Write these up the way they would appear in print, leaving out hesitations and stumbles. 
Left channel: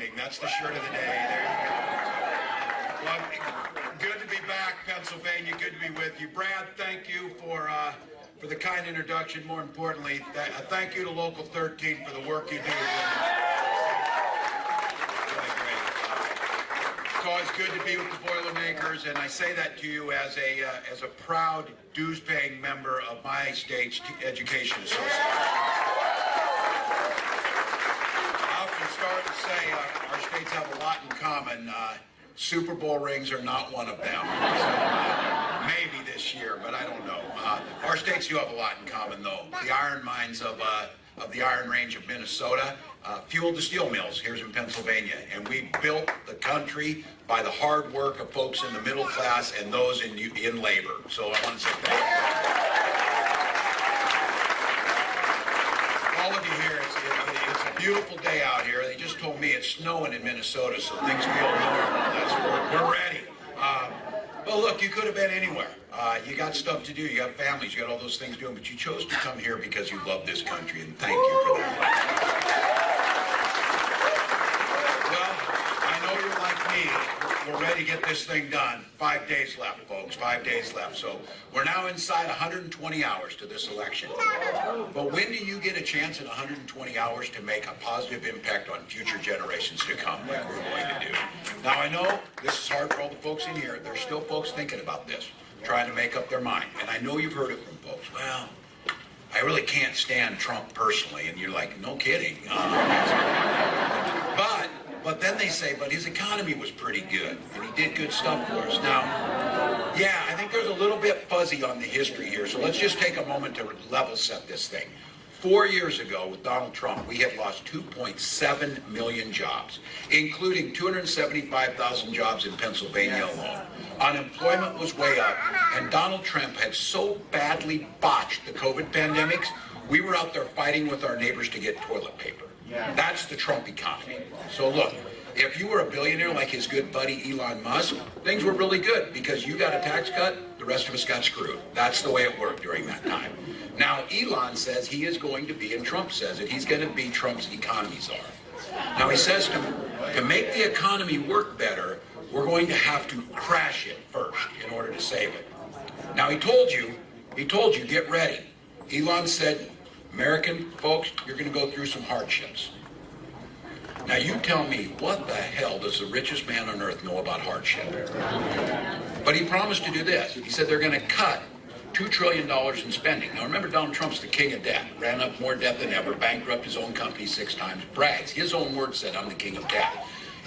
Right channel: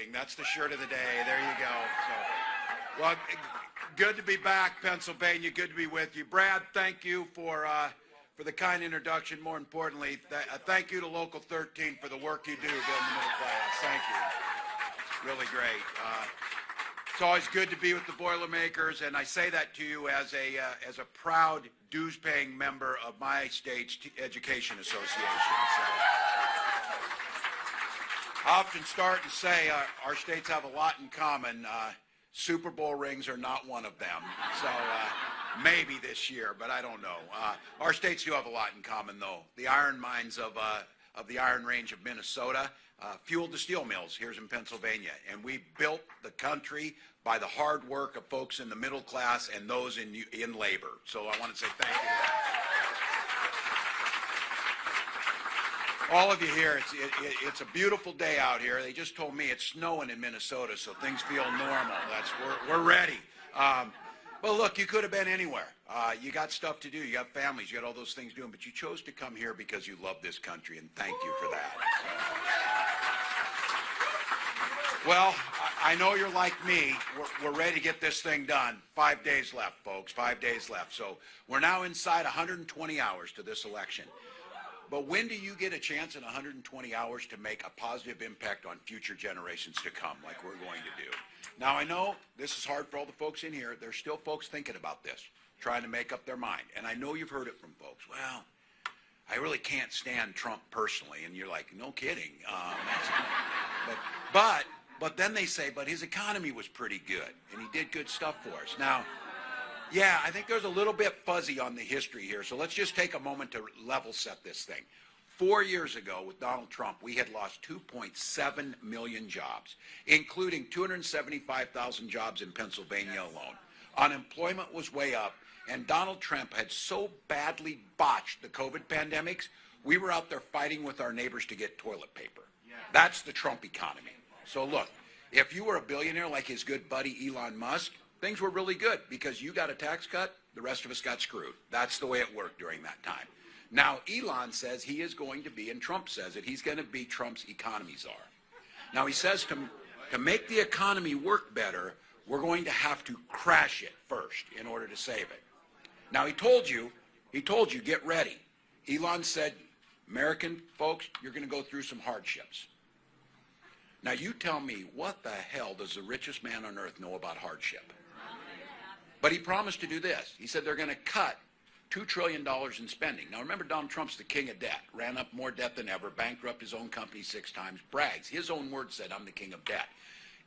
voting. That's the shirt of the day. There you go. Well, good to be back, Pennsylvania. Good to be with you. Brad, thank you for the kind introduction. More importantly, thank you to Local 13 for the work you do. Really great. It's always good to be with the Boilermakers, and I say that to you as a proud dues-paying member of my state's education association. I often start to say our states have a lot in common. Super Bowl rings are not one of them. So, maybe this year, but I don't know. Our states do have a lot in common, though. The iron mines of the Iron Range of Minnesota fueled the steel mills here in Pennsylvania, and we built the country by the hard work of folks in the middle class and those in labor. So I want to say thank you. All of you here, it's a beautiful day out here. They just told me it's snowing in Minnesota, so things feel normal. We're ready. Well, look, you could have been anywhere. You got stuff to do. You got families. You got all those things doing, but you chose to come here because you love this country, and thank you for that. Well, I know you're like me. We're ready to get this thing done. 5 days left, folks. 5 days left. So we're now inside 120 hours to this election. But when do you get a chance in 120 hours to make a positive impact on future generations to come, like we're going to do? Now, I know this is hard for all the folks in here. There's still folks thinking about this, trying to make up their mind. And I know you've heard it from folks. Well, I really can't stand Trump personally. And you're like, no kidding. But then they say, but his economy was pretty good, and he did good stuff for us. Now, yeah, I think there's a little bit fuzzy on the history here, so let's just take a moment to level set this thing. 4 years ago, with Donald Trump, we had lost 2.7 million jobs, including 275,000 jobs in Pennsylvania alone. Unemployment was way up, and Donald Trump had so badly botched the COVID pandemics, we were out there fighting with our neighbors to get toilet paper. That's the Trump economy. So look, if you were a billionaire like his good buddy Elon Musk, things were really good because you got a tax cut, the rest of us got screwed. That's the way it worked during that time. Now, Elon says he is going to be, and Trump says it, he's going to be Trump's economy czar. Now, he says to make the economy work better, we're going to have to crash it first in order to save it. Now, he told you, get ready. Elon said, American folks, you're going to go through some hardships. Now you tell me, what the hell does the richest man on earth know about hardship? But he promised to do this. He said they're going to cut $2 trillion in spending. Now remember, Donald Trump's the king of debt. Ran up more debt than ever, bankrupted his own company 6 times, brags. His own words said, I'm the king of debt.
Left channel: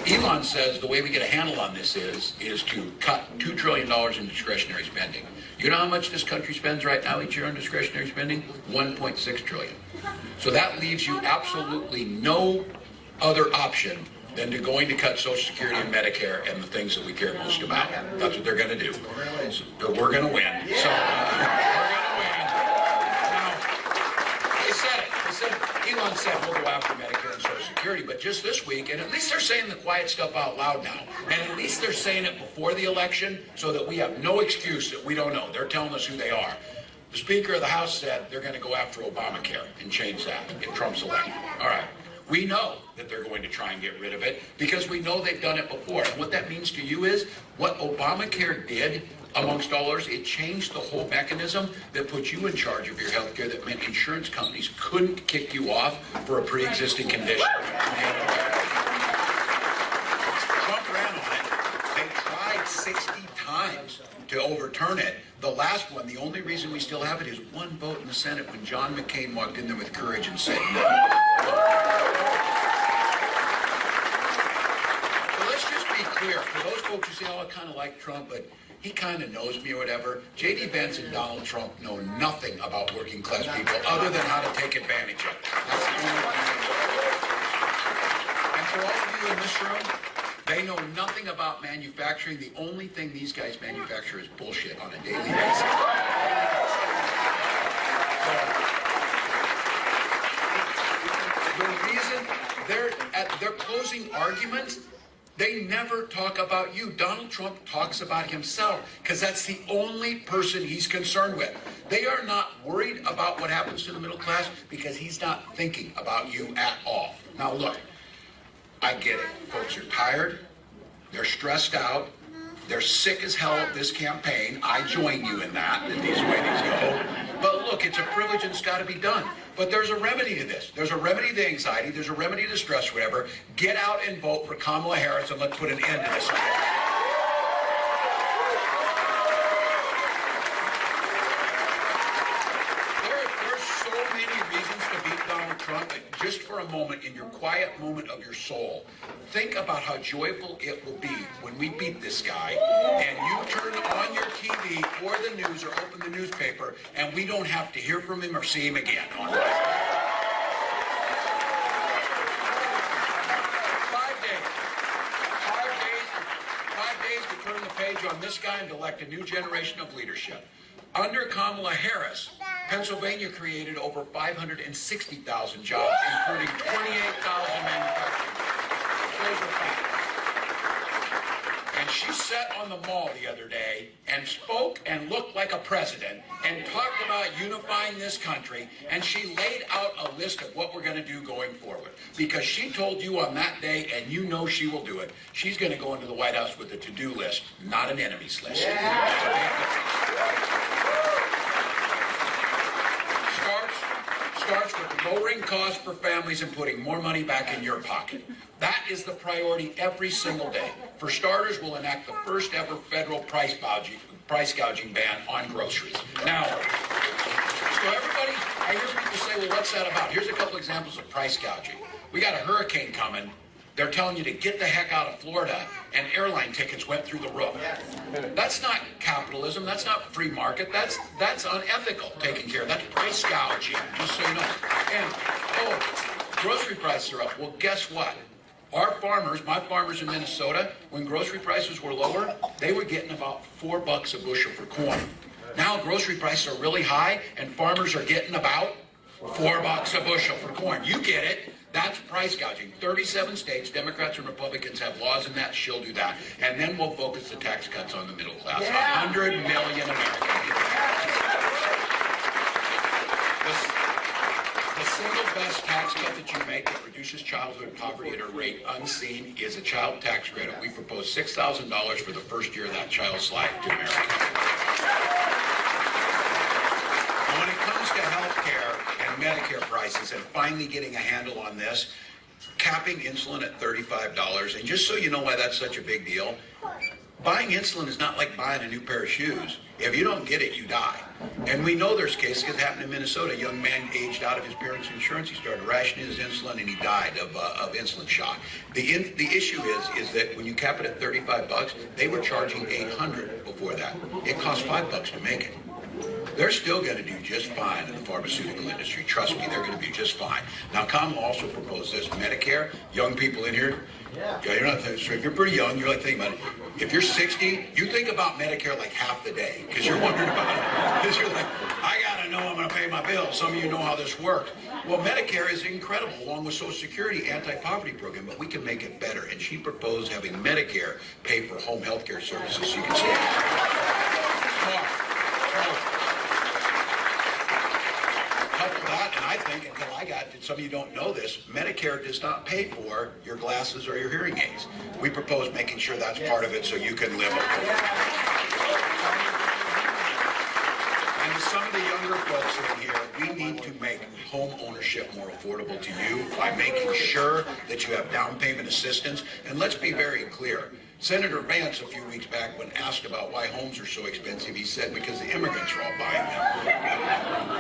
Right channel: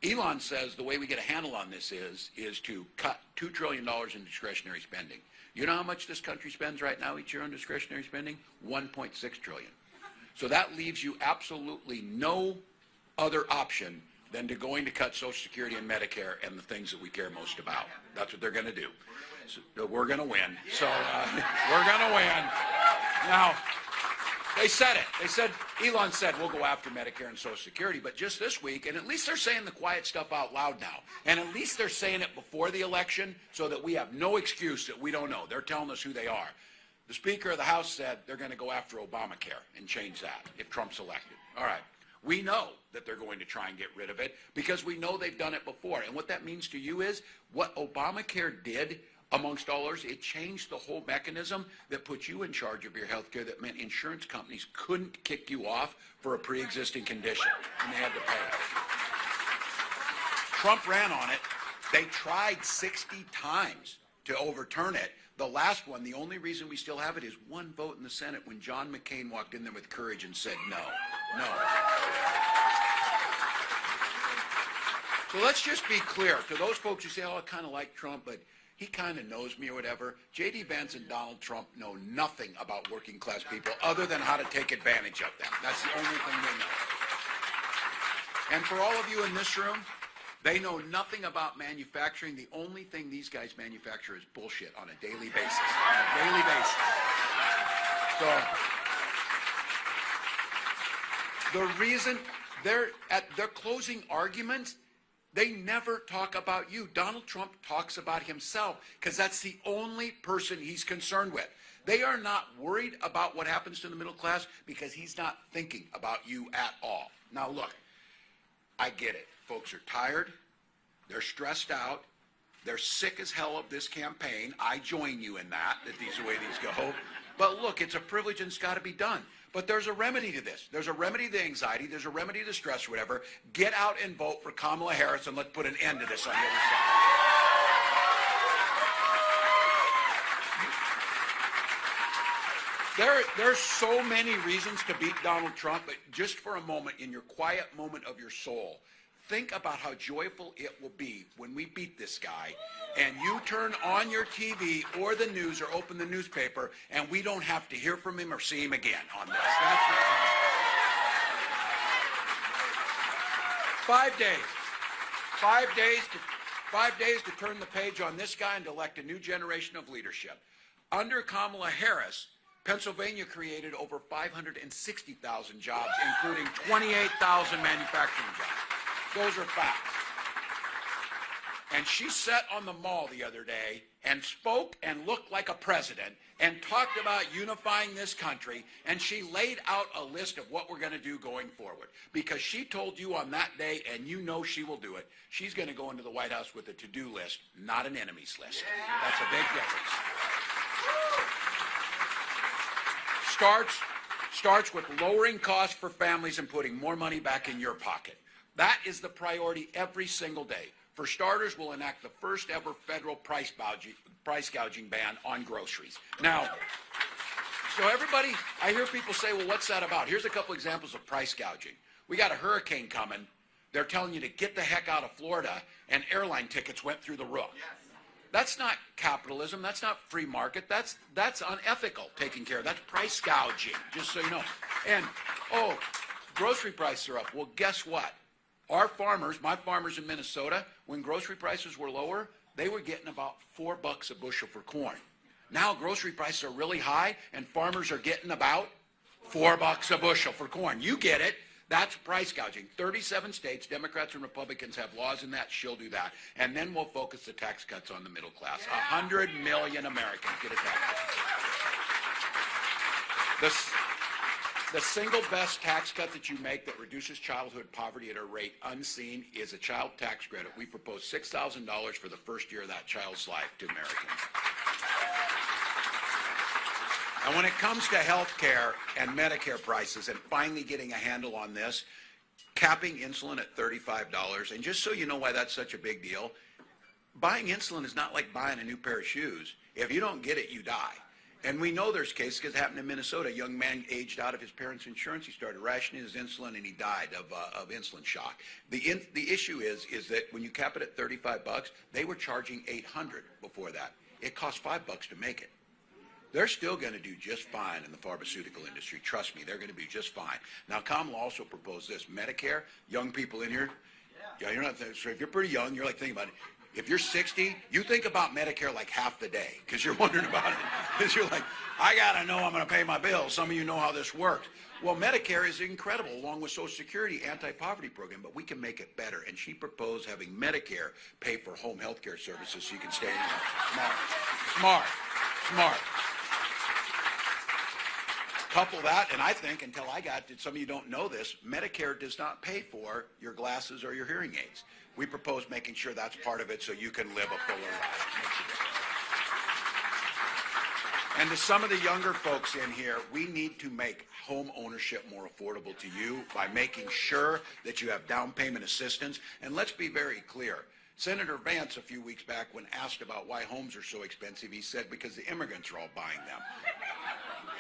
Elon says the way we get a handle on this is to cut $2 trillion in discretionary spending. You know how much this country spends right now each year on discretionary spending? $1.6 trillion. So that leaves you absolutely no other option than to going to cut Social Security and Medicare and the things that we care most about. That's what they're going to do. So we're going to win. So we're going to win. Now, they said it. They said, Elon said we'll go after Medicare and Social Security, but just this week, and at least they're saying the quiet stuff out loud now, and at least they're saying it before the election so that we have no excuse that we don't know. They're telling us who they are. The Speaker of the House said they're going to go after Obamacare and change that if Trump's elected. All right. We know that they're going to try and get rid of it because we know they've done it before. And what that means to you is what Obamacare did, amongst all others, it changed the whole mechanism that put you in charge of your health care, that meant insurance companies couldn't kick you off for a pre-existing condition. Trump ran on it. They tried 60 times to overturn it. The last one, the only reason we still have it is one vote in the Senate when John McCain walked in there with courage and said no. So let's just be clear. For those folks who say, oh, I kind of like Trump, but he kind of knows me or whatever, J.D. Vance and Donald Trump know nothing about working class people other than how to take advantage of them. That's the only thing. And for all of you in this room, they know nothing about manufacturing. The only thing these guys manufacture is bullshit on a daily basis. So, the reason they're at their closing arguments, they never talk about you. Donald Trump talks about himself because that's the only person he's concerned with. They are not worried about what happens to the middle class because he's not thinking about you at all. Now look, I get it. folks are tired, they're stressed out, they're sick as hell of this campaign. I join you in that these ways go. But look, it's a privilege and it's got to be done. But there's a remedy to this. There's a remedy to anxiety. There's a remedy to stress, whatever. Get out and vote for Kamala Harris and let's put an end to this. There's so many reasons to beat Donald Trump. Just for a moment, in your quiet moment of your soul, think about how joyful it will be when we beat this guy and you turn on your TV or the news or open the newspaper and we don't have to hear from him or see him again on this. 5 days. 5 days to turn the page on this guy and elect a new generation of leadership. Under Kamala Harris, Pennsylvania created over 560,000 jobs, including 28,000 manufacturing. Those are facts. And she sat on the mall the other day and spoke and looked like a president and talked about unifying this country, and she laid out a list of what we're going to do going forward. Because she told you on that day, and you know she will do it, she's going to go into the White House with a to-do list, not an enemies list. Yeah. Starts with lowering costs for families and putting more money back in your pocket. That is the priority every single day. For starters, we'll enact the first ever federal price gouging ban on groceries. Now, so everybody, I hear people say, well, what's that about? Here's a couple examples of price gouging. We got a hurricane coming. They're telling you to get the heck out of Florida, and airline tickets went through the roof. That's not capitalism. That's not free market. That's unethical taking care of. That's price gouging, just so you know. And, grocery prices are up. Well, guess what? Our farmers, my farmers in Minnesota, when grocery prices were lower, they were getting about $4 a bushel for corn. Now grocery prices are really high, and farmers are getting about $4 a bushel for corn. You get it. That's price gouging. 37 states, Democrats and Republicans have laws in that. She'll do that. And then we'll focus the tax cuts on the middle class. 100 million Americans. The single best tax cut that you make that reduces childhood poverty at a rate unseen is a child tax credit. We propose $6,000 for the first year of that child's life to America. When it comes to health care and Medicare prices and finally getting a handle on this, capping insulin at $35, and just so you know why that's such a big deal, buying insulin is not like buying a new pair of shoes. If you don't get it, you die. And we know there's cases. It happened in Minnesota. A young man aged out of his parents' insurance. He started rationing his insulin, and he died of insulin shock. The issue is that when you cap it at $35, they were charging $800 before that. It cost $5 to make it. They're still going to do just fine in the pharmaceutical industry. Trust me, they're going to do just fine. Now, Kamala also proposed this. Medicare, young people in here, you're not, if you're pretty young, you're like thinking about it. If you're 60, you think about Medicare like half the day because you're wondering about it. Because you're like, I got to know I'm going to pay my bills. Some of you know how this works. Well, Medicare is incredible, along with Social Security anti-poverty program, but we can make it better. And she proposed having Medicare pay for home health care services so you can stay. Smart. Couple that, and I think, until I got it, some of you don't know this, Medicare does not pay for your glasses or your hearing aids. We propose making sure that's part of it so you can live. And some of the younger folks in here, we need to make home ownership more affordable to you by making sure that you have down payment assistance. And let's be very clear. Senator Vance, a few weeks back, when asked about why homes are so expensive, he said, because the immigrants are all buying them.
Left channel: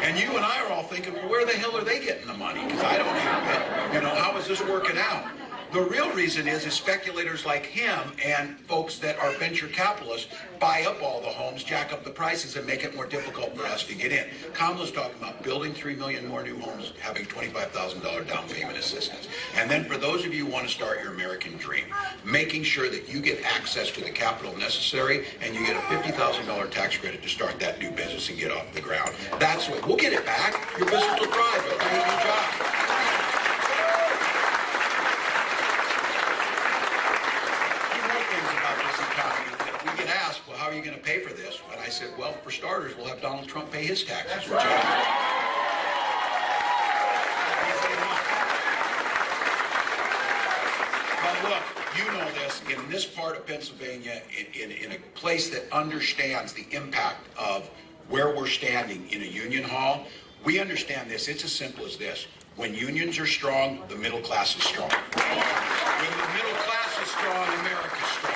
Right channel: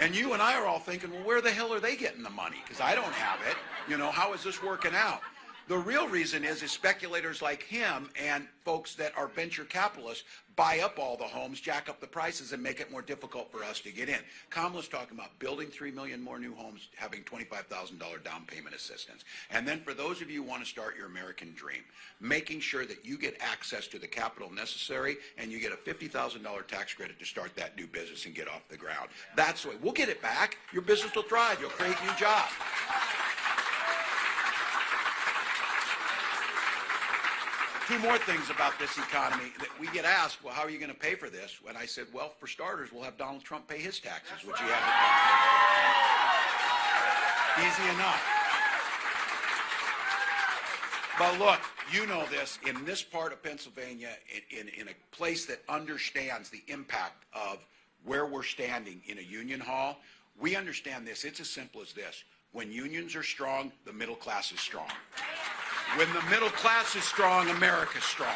And you and I are all thinking, well, where the hell are they getting the money? Because I don't have it. You know, how is this working out? The real reason is speculators like him and folks that are venture capitalists buy up all the homes, jack up the prices, and make it more difficult for us to get in. Kamala's talking about building 3 million more new homes, having $25,000 down payment assistance. And then for those of you who want to start your American dream, making sure that you get access to the capital necessary and you get a $50,000 tax credit to start that new business and get off the ground. That's what, we'll get it back. Your business will thrive. It'll be a new job. More things about this economy that we get asked, well, how are you going to pay for this? And I said, well, for starters, we'll have Donald Trump pay his taxes. Easily enough. But look, you know this, in this part of Pennsylvania, in a place that understands the impact of where we're standing in a union hall, we understand this. It's as simple as this. When unions are strong, the middle class is strong. When the middle class is strong, America's strong.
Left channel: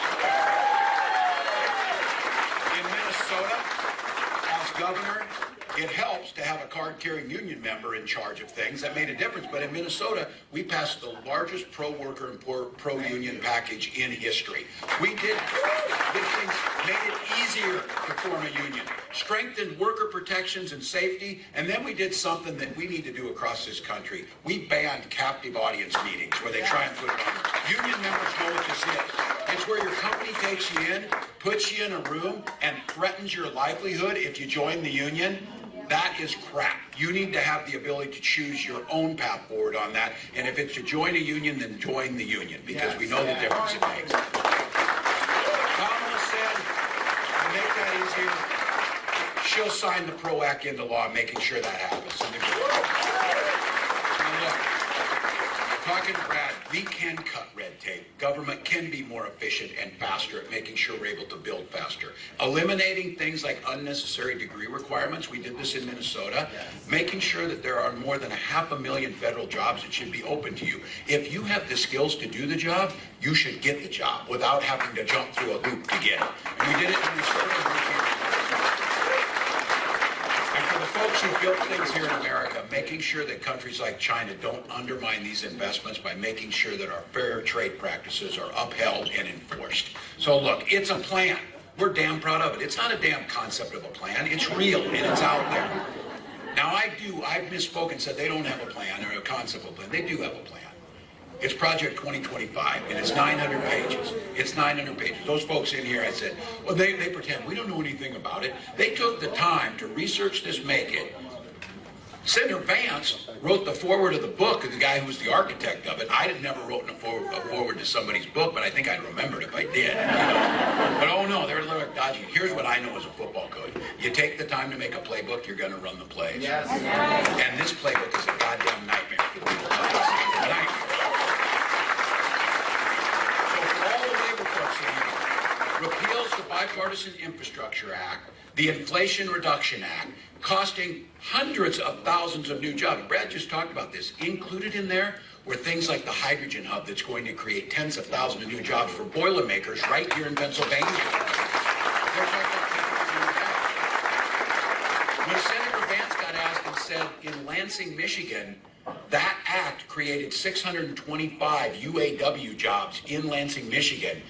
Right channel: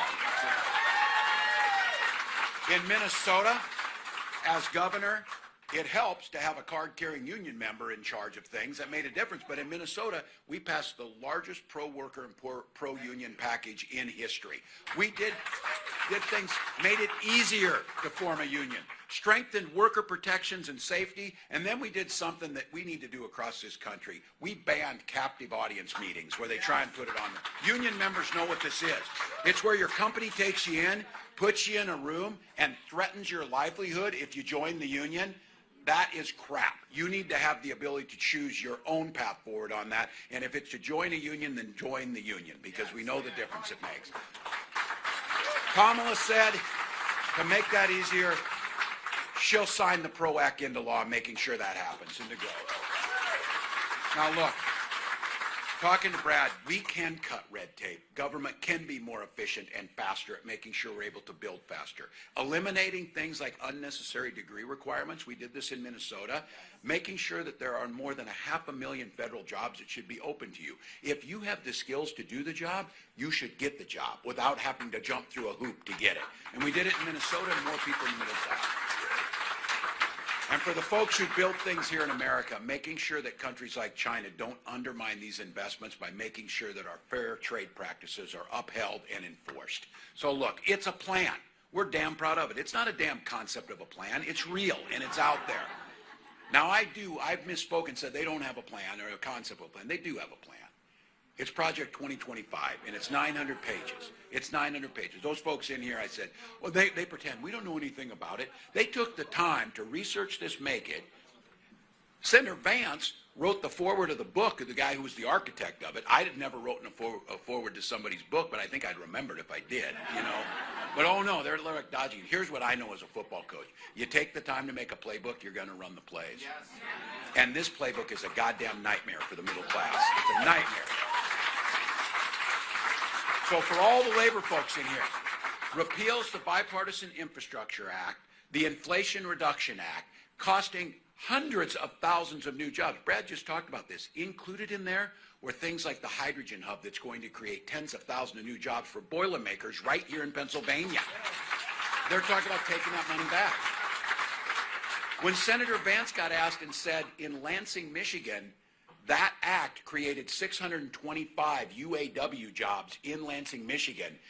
In Minnesota, as governor, it helps to have a card-carrying union member in charge of things. That made a difference. But in Minnesota, we passed the largest pro-worker and pro-union package in history. We did things, made it easier to form a union, strengthened worker protections and safety, and then we did something that we need to do across this country. We banned captive audience meetings where they try and put it on. Union members know what this is. It's where your company takes you in, puts you in a room, and threatens your livelihood if you join the union. That is crap. You need to have the ability to choose your own path forward on that. And if it's to join a union, then join the union, because we know the difference it makes. Kamala said, to make that easier, she'll sign the PRO Act into law, making sure that happens. Now look, talking to Brad, we can cut red tape. Government can be more efficient and faster at making sure we're able to build faster. Eliminating things like unnecessary degree requirements, we did this in Minnesota. Making sure that there are more than 500,000 federal jobs that should be open to you. If you have the skills to do the job, you should get the job without having to jump through a loop to get it. And we did it in Minnesota. For the folks who built things here in America, making sure that countries like China don't undermine these investments by making sure that our fair trade practices are upheld and enforced. So look, it's a plan. We're damn proud of it. It's not a damn concept of a plan. It's real and it's out there. Now I've misspoken and said they don't have a plan or a concept of a plan. They do have a plan. It's Project 2025, and it's 900 pages. It's 900 pages. Those folks in here, I said, well, they pretend we don't know anything about it. They took the time to research this, make it. Senator Vance wrote the foreword of the book, the guy who's the architect of it. I had never written a foreword to somebody's book, but I think I'd remember it if I did. But oh no, they're a little dodgy. Here's what I know as a football coach. You take the time to make a playbook, you're going to run the plays. Yes. And this playbook is a goddamn nightmare for the middle class. Nightmare. So for all the labor folks in here, repeals the Bipartisan Infrastructure Act, the Inflation Reduction Act, costing hundreds of thousands of new jobs. Brad just talked about this. Included in there were things like the hydrogen hub that's going to create tens of thousands of new jobs for Boilermakers right here in Pennsylvania. They're talking about that. When Senator Vance got asked and said in Lansing, Michigan, that act created 625 UAW jobs in Lansing, Michigan.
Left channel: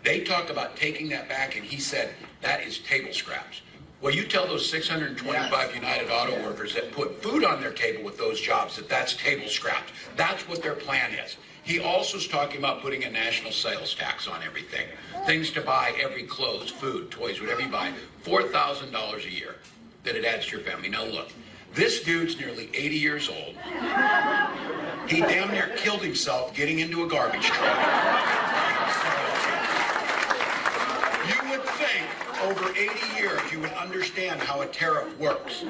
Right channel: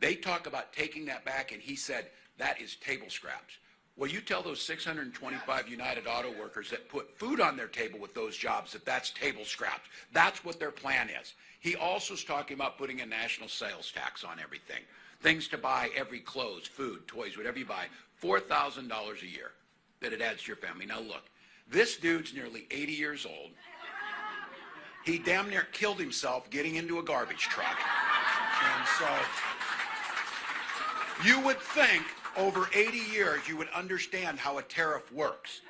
They talk about taking that back, and he said that is table scraps. Well, you tell those 625 United Auto workers that put food on their table with those jobs that that's table scraps. That's what their plan is. He also is talking about putting a national sales tax on everything. Things to buy, every clothes, food, toys, whatever you buy, $4,000 a year that it adds to your family. Now look. This dude's nearly 80 years old. He damn near killed himself getting into a garbage truck. You would think over 80 years you would understand how a tariff works.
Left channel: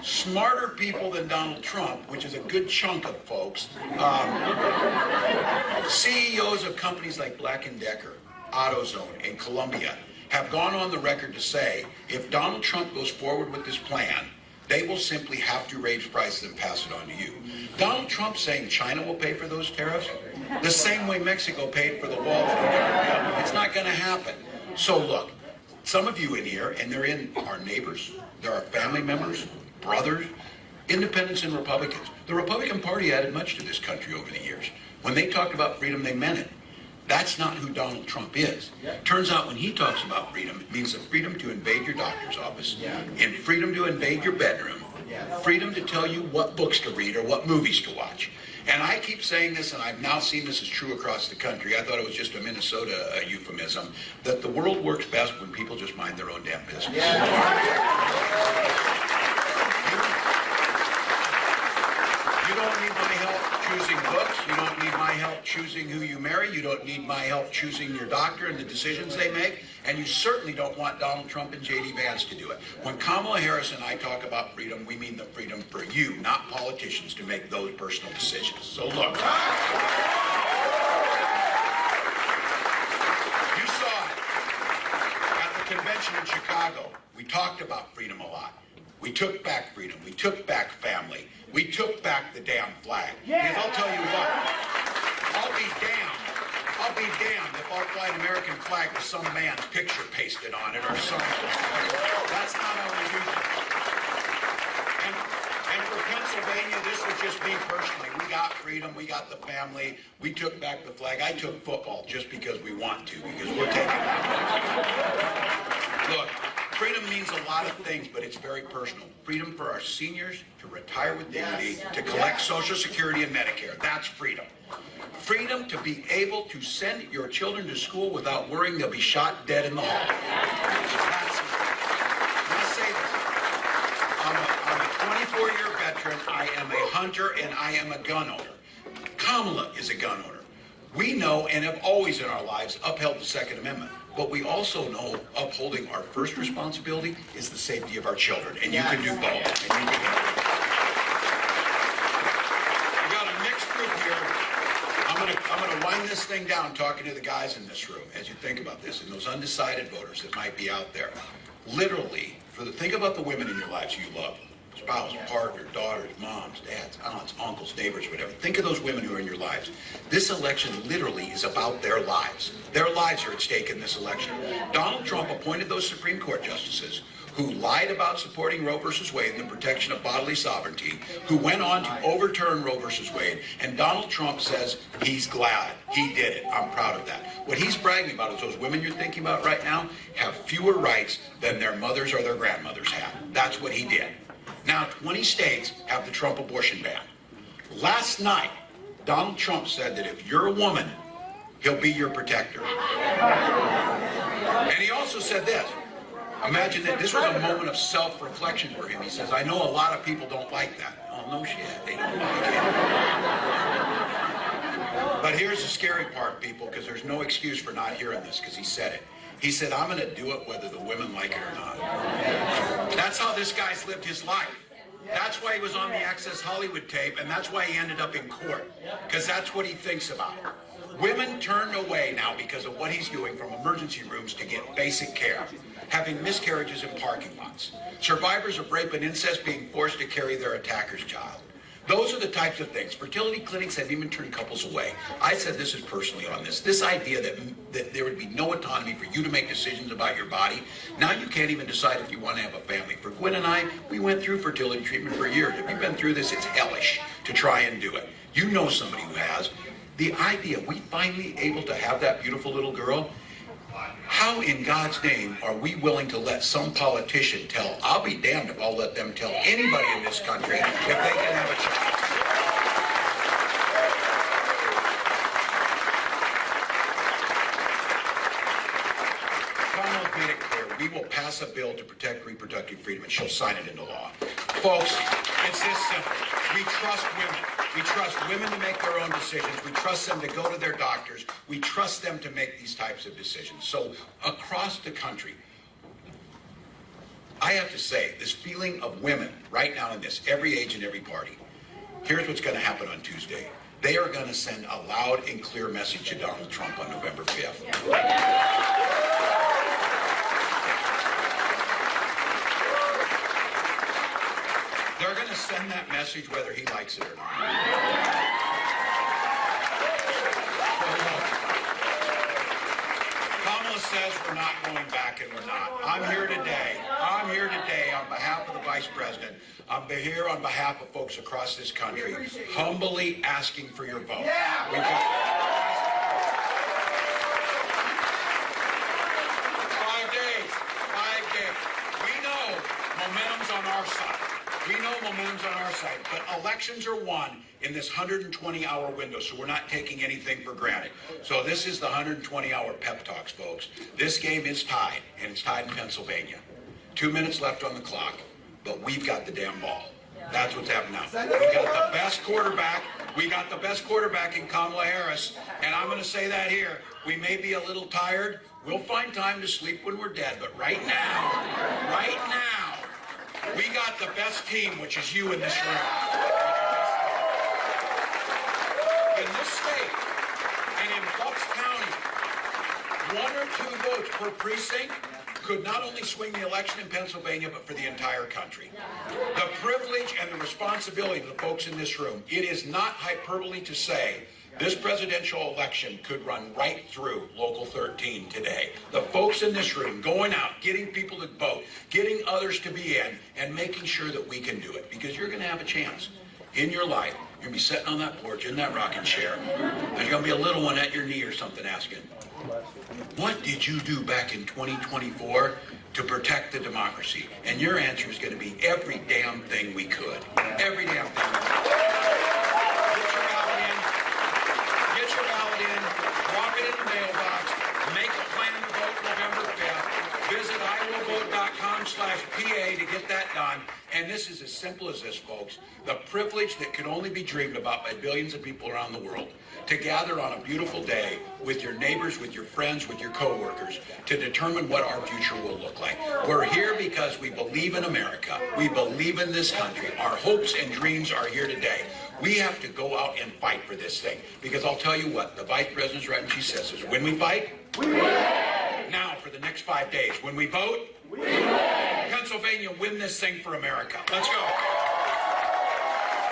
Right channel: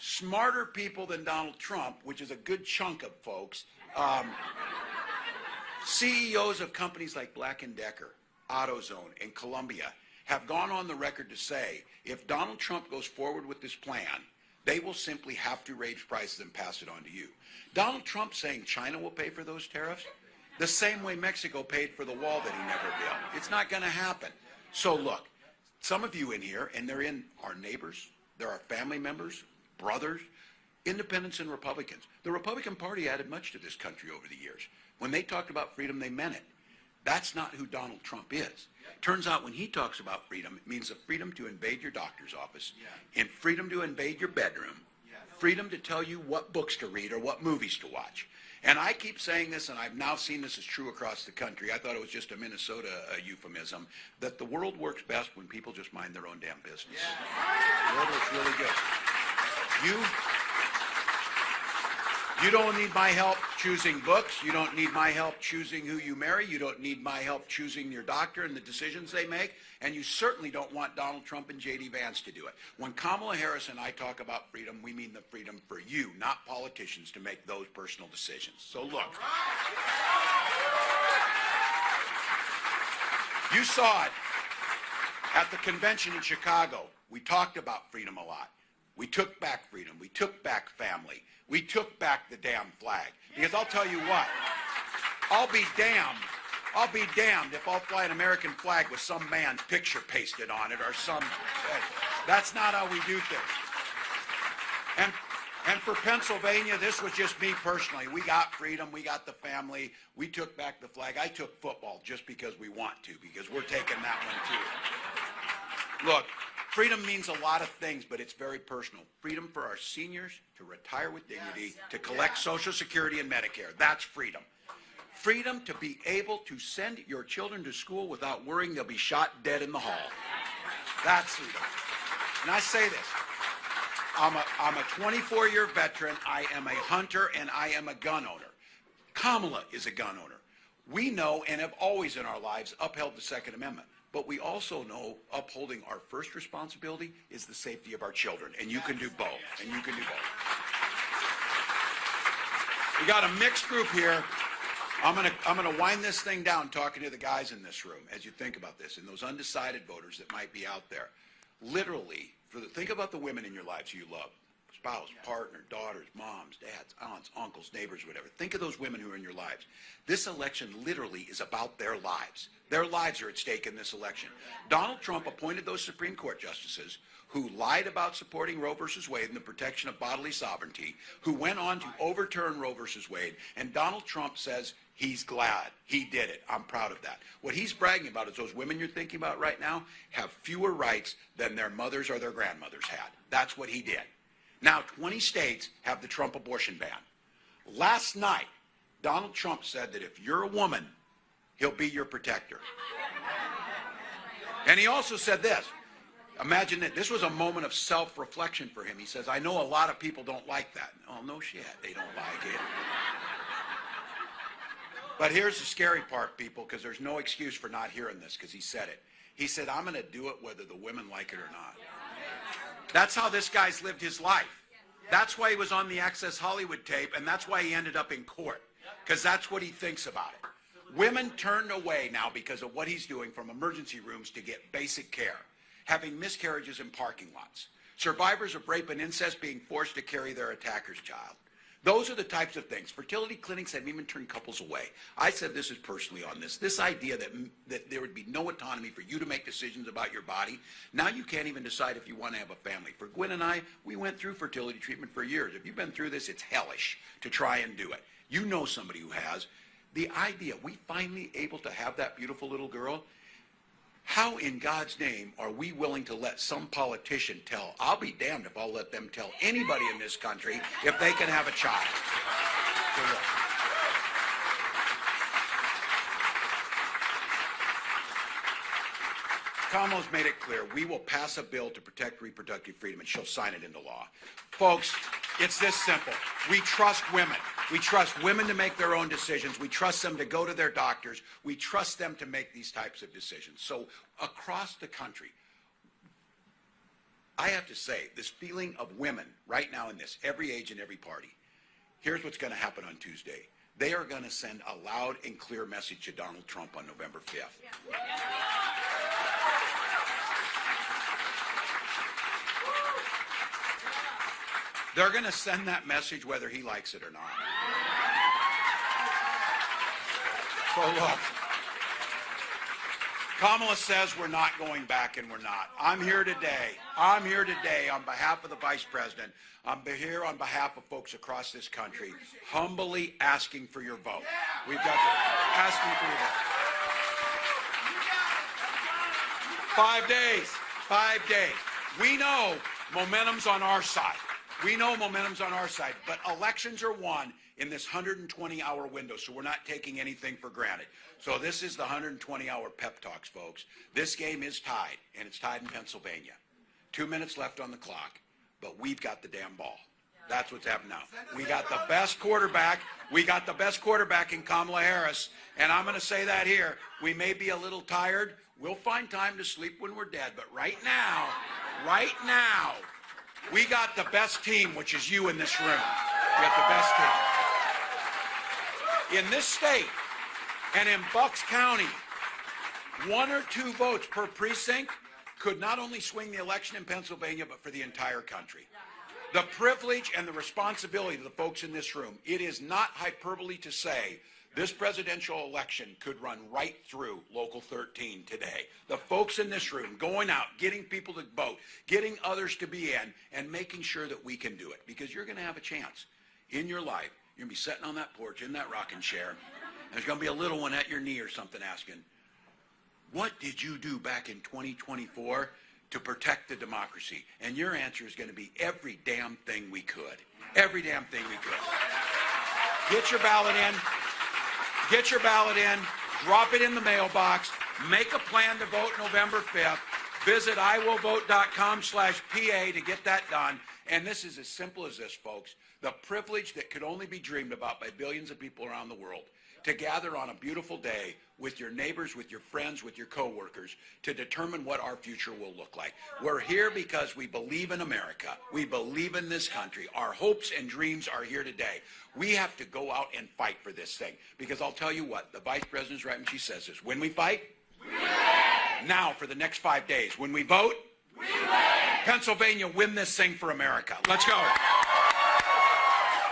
Smarter people than Donald Trump, which is a good chunk of folks, CEOs of companies like Black & Decker, AutoZone, and Columbia, have gone on the record to say, if Donald Trump goes forward with this plan, they will simply have to raise prices and pass it on to you. Donald Trump saying China will pay for those tariffs, the same way Mexico paid for the wall that we never built. It's not going to happen. So look, some of you in here, and they're in our neighbors, there are family members, brothers, independents and Republicans. The Republican Party added much to this country over the years. When they talked about freedom, they meant it. That's not who Donald Trump is. Turns out when he talks about freedom, it means the freedom to invade your doctor's office, and freedom to invade your bedroom, freedom to tell you what books to read or what movies to watch. And I keep saying this, and I've now seen this is true across the country. I thought it was just a Minnesota euphemism, that the world works best when people just mind their own damn business. You don't need my help choosing books. You don't need my help choosing who you marry. You don't need my help choosing your doctor and the decisions they make. And you certainly don't want Donald Trump and J.D. Vance to do it. When Kamala Harris and I talk about freedom, we mean the freedom for you, not politicians, to make those personal decisions. So look. saw it at the convention in Chicago. We talked about freedom a lot. We took back freedom. We took back family. We took back the damn flag. Because I'll tell you what, I'll be damned if I'll fly an American flag with some man's picture pasted on it or something. That's not how we do things. And for Pennsylvania, this was just me personally. We got freedom, we got the family, we took back the flag. I took football just because we want to, because we're taking it back. Look, freedom means a lot of things, but it's very personal. Freedom for our seniors to retire with dignity, to collect Social Security and Medicare. That's freedom. Freedom to be able to send your children to school without worrying they'll be shot dead in the hall. And I say this. I'm a 24-year veteran. I am a hunter, and I am a gun owner. Kamala is a gun owner. We know and have always in our lives upheld the Second Amendment. But we also know upholding our first responsibility is the safety of our children. And you can do both. And you can do both. We got a mixed group here. I'm gonna wind this thing down talking to the guys in this room as you think about this and those undecided voters that might be out there. Literally, think about the women in your lives you love. Spouse, partner, daughters, moms, dads, aunts, uncles, neighbors, whatever. Think of those women who are in your lives. This election literally is about their lives. Their lives are at stake in this election. Donald Trump appointed those Supreme Court justices who lied about supporting Roe v. Wade and the protection of bodily sovereignty, who went on to overturn Roe v. Wade, and Donald Trump says he's glad he did it. I'm proud of that. What he's bragging about is those women you're thinking about right now have fewer rights than their mothers or their grandmothers have. That's what he did. Now, 20 states have the Trump abortion ban. Last night, Donald Trump said that if you're a woman, he'll be your protector. And he also said this. Imagine that this was a moment of self-reflection for him. He says, I know a lot of people don't like that. Oh, no shit, they don't like it. But here's the scary part, people, because there's no excuse for not hearing this, because he said it. He said, I'm going to do it whether the women like it or not. That's how this guy's lived his life. That's why he was on the Access Hollywood tape, and that's why he ended up in court, because that's what he thinks about. Women turned away now because of what he's doing from emergency rooms to get basic care, having miscarriages in parking lots, survivors of rape and incest being forced to carry their attacker's child. Those are the types of things. Fertility clinics have even turned couples away. I said this is personally on this. This idea that there would be no autonomy for you to make decisions about your body. Now you can't even decide if you want to have a family. For Gwen and I, we went through fertility treatment for years. If you've been through this, it's hellish to try and do it. You know somebody who has. The idea we finally able to have that beautiful little girl, how in God's name are we willing to let some politician tell, I'll be damned if I'll let them tell anybody in this country if they can have a child. Kamala's made it clear, we will pass a bill to protect reproductive freedom and she'll sign it into law. Folks, it's this simple. We trust women. We trust women to make their own decisions. We trust them to go to their doctors. We trust them to make these types of decisions. So across the country, I have to say, this feeling of women right now in this, every age and every party, here's what's going to happen on Tuesday. They are going to send a loud and clear message to Donald Trump on November 5th. They're going to send that message whether he likes it or not. Kamala says we're not going back, and we're not. I'm here today on behalf of the Vice President. I'm here on behalf of folks across this country, humbly asking for your vote. We've got asking for your vote. 5 days. We know momentum's on our side. But elections are won in this 120-hour window, so we're not taking anything for granted. So this is the 120-hour pep talks, folks. This game is tied, and it's tied in Pennsylvania. 2 minutes left on the clock, but we've got the damn ball. That's what's happening now. We got the best quarterback. We got the best quarterback in Kamala Harris, and I'm going to say that here. We may be a little tired. We'll find time to sleep when we're dead, but right now, we got the best team, which is you in this room. We got the best team. In this state and in Bucks County, 1 or 2 votes per precinct could not only swing the election in Pennsylvania, but for the entire country. The privilege and the responsibility of the folks in this room, it is not hyperbole to say this presidential election could run right through Local 13 today. The folks in this room going out, getting people to vote, getting others to be in, and making sure that we can do it. Because you're going to have a chance in your life. You're going to be sitting on that porch in that rocking chair. There's going to be a little one at your knee or something asking, what did you do back in 2024 to protect the democracy? And your answer is going to be every damn thing we could. Every damn thing we could. Get your ballot in. Get your ballot in. Drop it in the mailbox. Make a plan to vote November 5th. Visit iwillvote.com/PA to get that done. And this is as simple as this, folks. The privilege that can only be dreamed about by billions of people around the world to gather on a beautiful day with your neighbors, with your friends, with your coworkers to determine what our future will look like. We're here because we believe in America. We believe in this country. Our hopes and dreams are here today. We have to go out and fight for this thing. Because I'll tell you what, the Vice President's right when she says is when we fight, we win. Now for the next 5 days, when we vote, we win. Pennsylvania, win this thing for America. Let's go.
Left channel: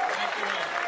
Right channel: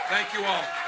Thank you all.